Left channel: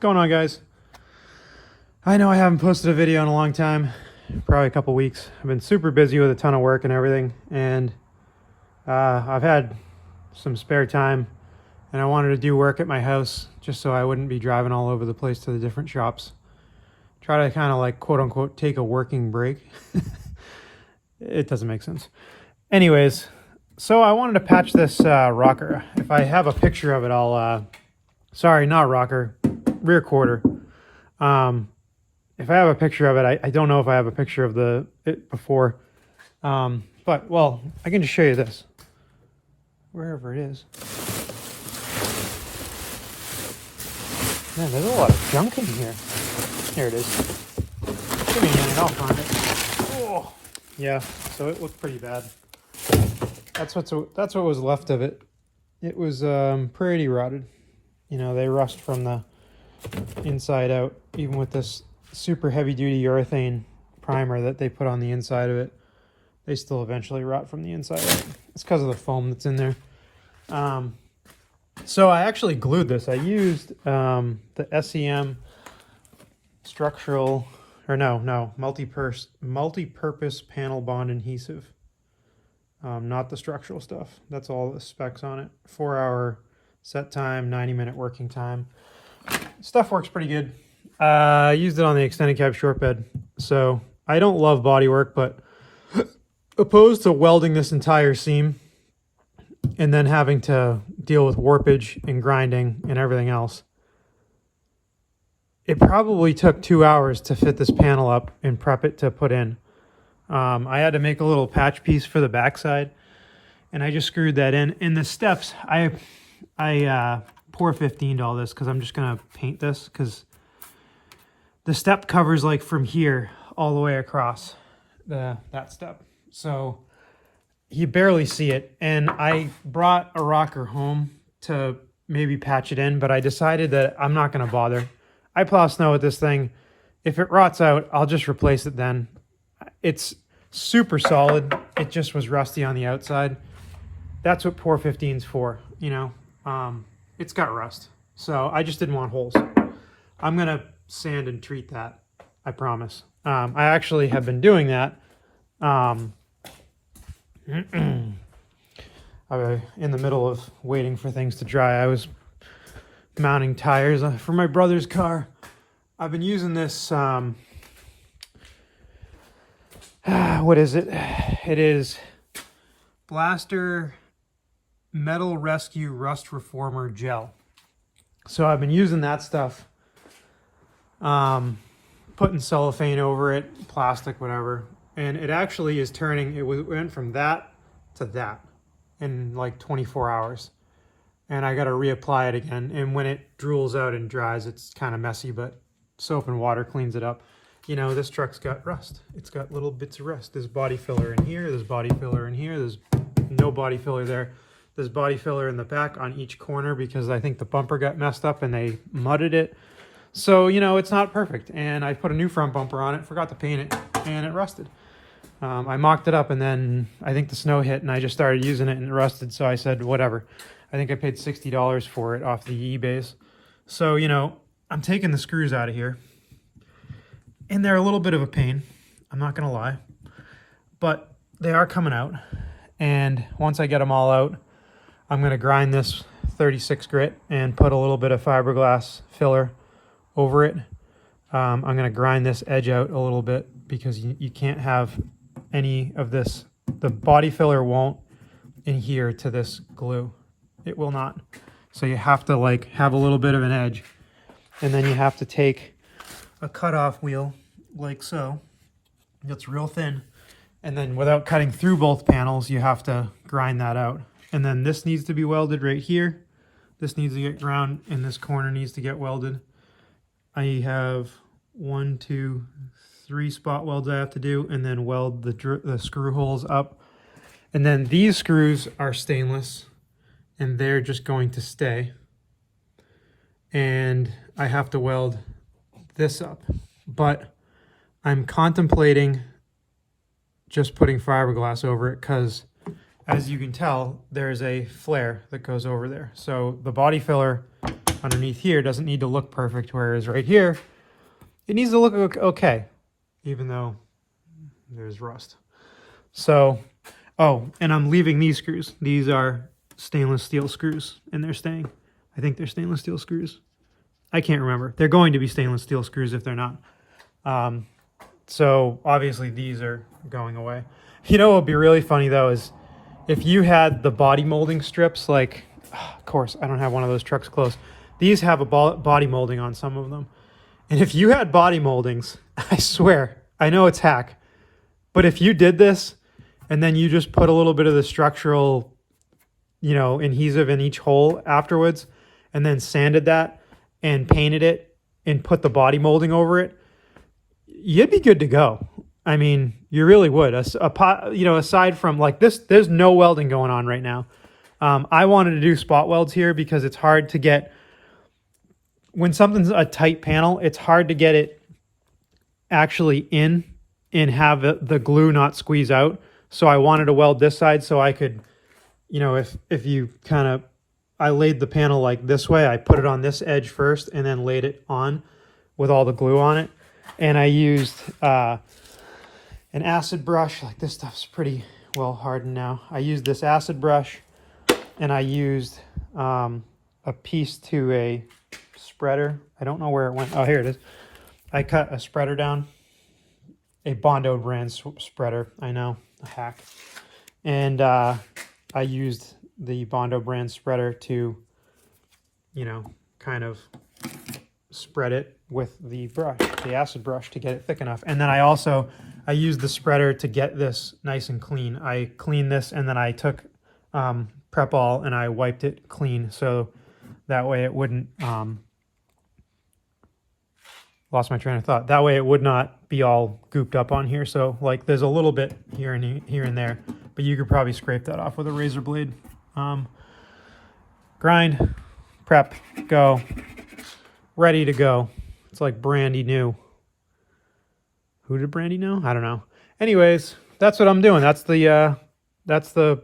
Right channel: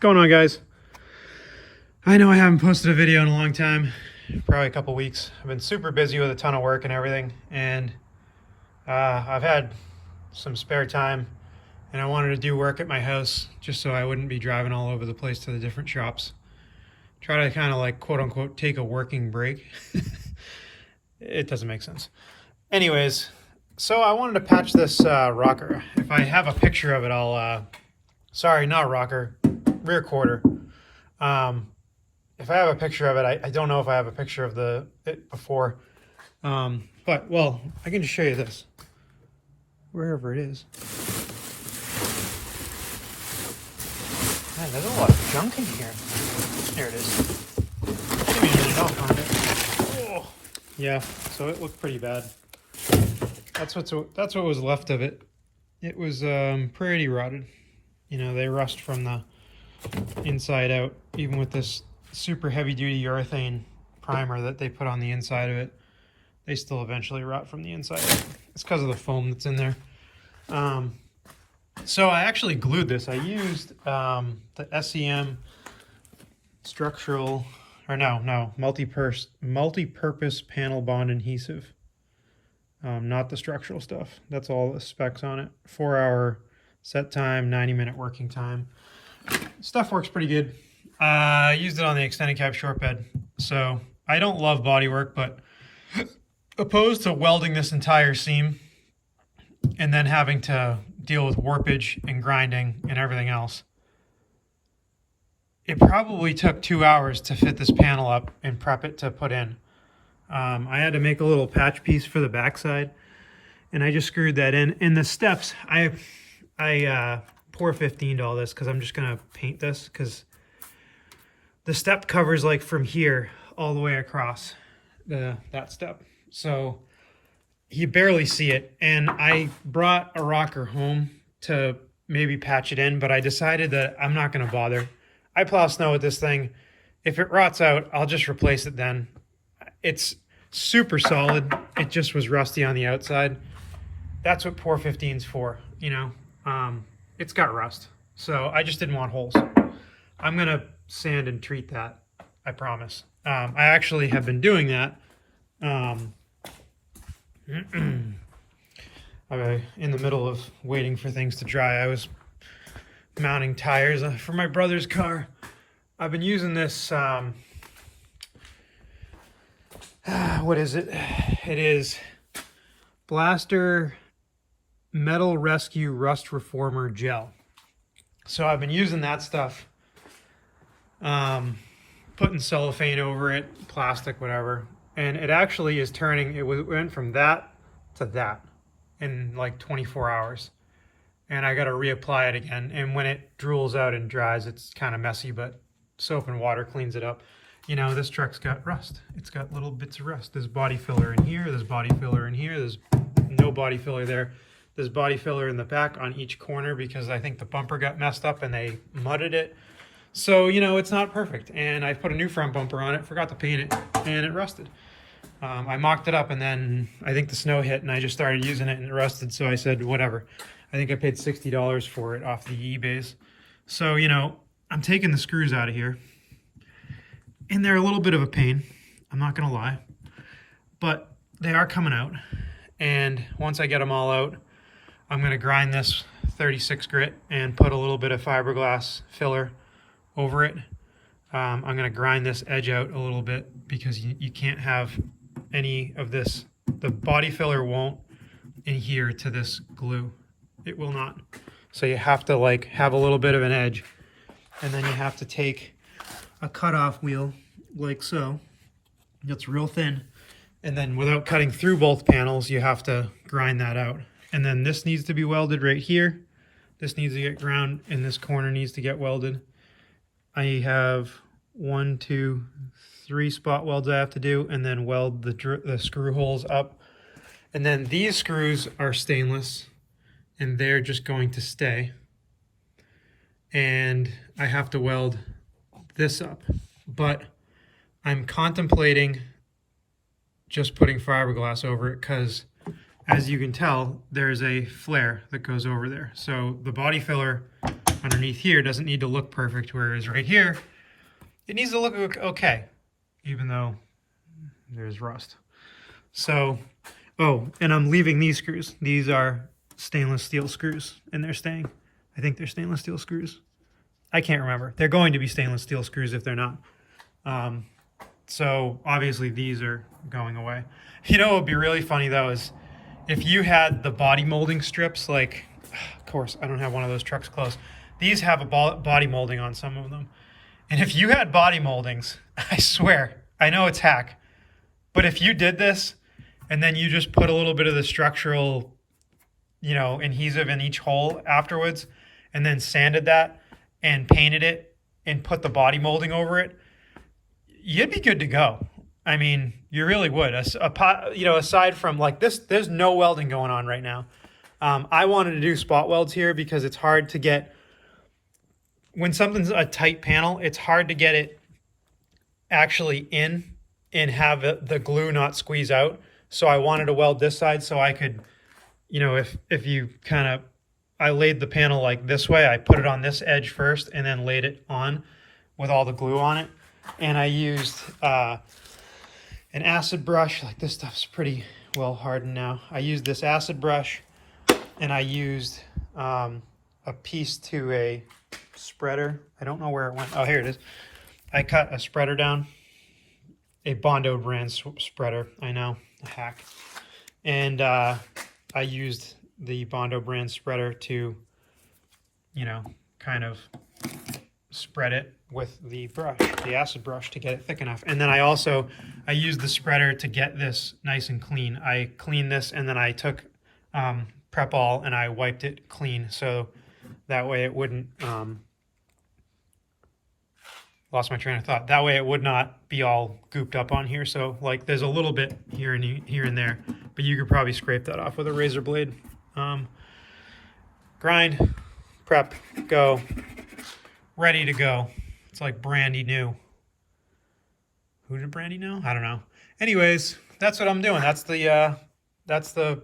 going on, guys? I know I haven't posted a video in a long time, probably a couple weeks. I've been super busy with a ton of work and everything, and I've had some spare time, and I wanted to do work at my house just so I wouldn't be driving all over the place to the different shops. Try to kind of like quote unquote take a working break. It doesn't make sense. Anyways, so I wanted to patch this rocker. If I have a picture of it, I'll sorry, not rocker, rear quarter. If I have a picture of it, I don't know if I have a picture of it before. But, well, I can just show you this. Wherever it is. Man, there's a lot of junk in here. Here it is. Give me a minute, I'll find it. Oh. Yeah, so it looked pretty bad. That's what was left of it. It was pretty rotted. You know, they rust from the inside out, even with this super heavy duty urethane primer that they put on the inside of it. They still eventually rot from the inside out. It's because of the foam that's in there. So I actually glued this. I used the SEM structural, or no, multi-purpose panel bond adhesive. Not the structural stuff. That's all the specs on it. 4-hour set time, 90-minute working time. Stuff works pretty good. I used it on the extended cab short bed. So I don't love body work, but opposed to welding this entire seam and then having to deal with warpage and grinding and everything else, it probably took 2 hours to fit this panel up and prep it to put in. I had to make a little patch piece for the backside, and I just screwed that in. In the steps, I pour 15'd all this because I'm just gonna paint this, because the step covers like from here all the way across that step, so you barely see it. And I brought a rocker home to maybe patch it in, but I decided that I'm not gonna bother. I plow snow with this thing. If it rots out, I'll just replace it then. It's super solid. It just was rusty on the outside. That's what pour 15's for, you know. It's got rust, so I just didn't want holes. I'm gonna sand and treat that, I promise. I actually have been doing that. In the middle of waiting for things to dry, I was mounting tires for my brother's car. I've been using this, what is it? It is Blaster Metal Rescue Rust Reformer Gel. So I've been using that stuff, putting cellophane over it, plastic, whatever, and it actually is turning. It went from that to that in like 24 hours, and I got to reapply it again. And when it drools out and dries, it's kind of messy, but soap and water cleans it up. You know, this truck's got rust. It's got little bits of rust. There's body filler in here. There's body filler in here. There's no body filler there. There's body filler in the back on each corner because I think the bumper got messed up and they mudded it. So, you know, it's not perfect. And I put a new front bumper on it, forgot to paint it, and it rusted. I mocked it up, and then I think the snow hit and I just started using it and it rusted. So I said, whatever. I think I paid $60 for it off the eBays. So, you know, I'm taking the screws out of here. And they're a little bit of a pain, I'm not gonna lie, but they are coming out. And once I get them all out, I'm gonna grind this 36 grit and put a little bit of fiberglass filler over it. I'm gonna grind this edge out a little bit because you can't have any of this. The body filler won't adhere to this glue. It will not. So you have to like have a little bit of an edge, and then you have to take a cutoff wheel like so. It's real thin, and then without cutting through both panels, you have to grind that out. And then this needs to be welded right here. This needs to get ground, and this corner needs to get welded. I have 1, 2, 3 spot welds I have to do, and then weld the screw holes up. And then these screws are stainless, and they're just going to stay. And I have to weld this up, but I'm contemplating just putting fiberglass over it because, as you can tell, there's a flare that goes over there. So the body filler underneath here doesn't need to look perfect, whereas right here, it needs to look okay, even though there's rust. So, oh, and I'm leaving these screws. These are stainless steel screws, and they're staying. I think they're stainless steel screws. I can't remember. They're going to be stainless steel screws if they're not. So obviously these are going away. You know what would be really funny though is if you had the body molding strips, like, of course, I don't have one of those trucks close. These have a body molding on some of them. And if you had body moldings, I swear, I know it's hack, but if you did this and then you just put a little bit of the structural, you know, adhesive in each hole afterwards, and then sanded that and painted it and put the body molding over it, you'd be good to go. I mean, you really would. You know, aside from like this, there's no welding going on right now. I wanted to do spot welds here because it's hard to get, when something's a tight panel, it's hard to get it actually in and have the glue not squeeze out. So I wanted to weld this side so I could, you know, if you kind of, I laid the panel like this way. I put it on this edge first and then laid it on with all the glue on it. And I used an acid brush. Like this stuff's pretty well hardened now. I used this acid brush and I used a piece to a spreader. I don't know where it went. Oh, here it is. I cut a spreader down, a Bondo brand spreader. I know, a hack. And I used the Bondo brand spreader to, you know, kind of spread it with the brush, the acid brush, to get it thick enough. And then I used the spreader to get this nice and clean. I cleaned this and then I took Prep All and I wiped it clean so that way it wouldn't, lost my train of thought. That way it would not be all gooped up on here. So like there's a little bit here and there, but you could probably scrape that off with a razor blade. Grind, prep, go, ready to go. It's like brandy new. Who did brandy know? I don't know. Anyways, that's what I'm doing. That's the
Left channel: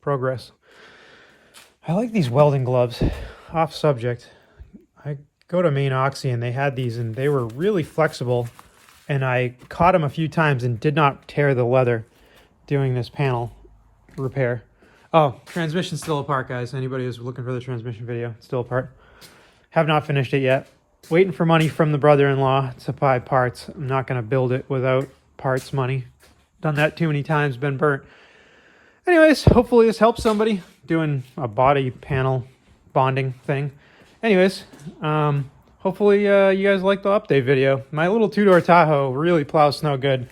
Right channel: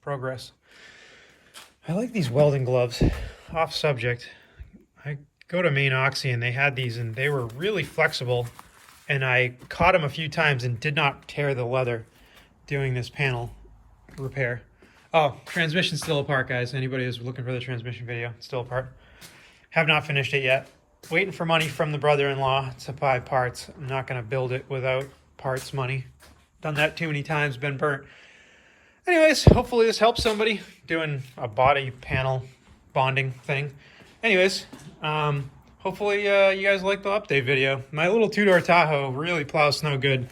progress. I like these welding gloves. Off subject. I go to Main Oxy and they had these and they were really flexible, and I caught them a few times and did not tear the leather doing this panel repair. Oh, transmission's still apart, guys. Anybody who's looking for the transmission video, it's still apart. Have not finished it yet. Waiting for money from the brother-in-law to buy parts. I'm not going to build it without parts money. Done that too many times, been burnt. Anyways, hopefully this helps somebody doing a body panel bonding thing. Anyways, hopefully you guys liked the update video. My little two-door Tahoe really plows snow good.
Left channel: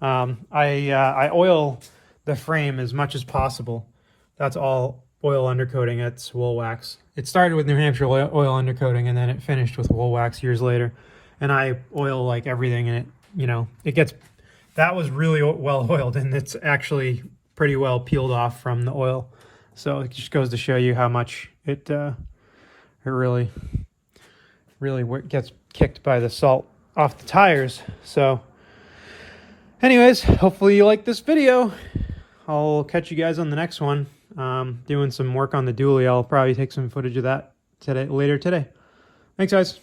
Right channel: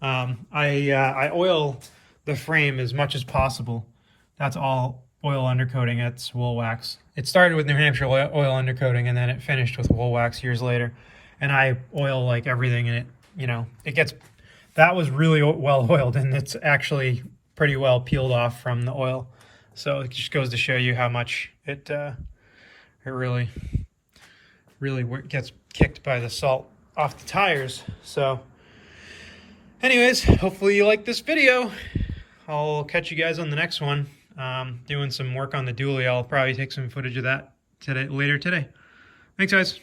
I oil the frame as much as possible. That's all oil undercoating. It's wool wax. It started with New Hampshire oil undercoating and then it finished with wool wax years later. And I oil like everything, and it, you know, it gets, that was really well oiled and it's actually pretty well peeled off from the oil. So it just goes to show you how much it really gets kicked by the salt off the tires. So anyways, hopefully you like this video. I'll catch you guys on the next one. Doing some work on the dually. I'll probably take some footage of that later today. Thanks, guys.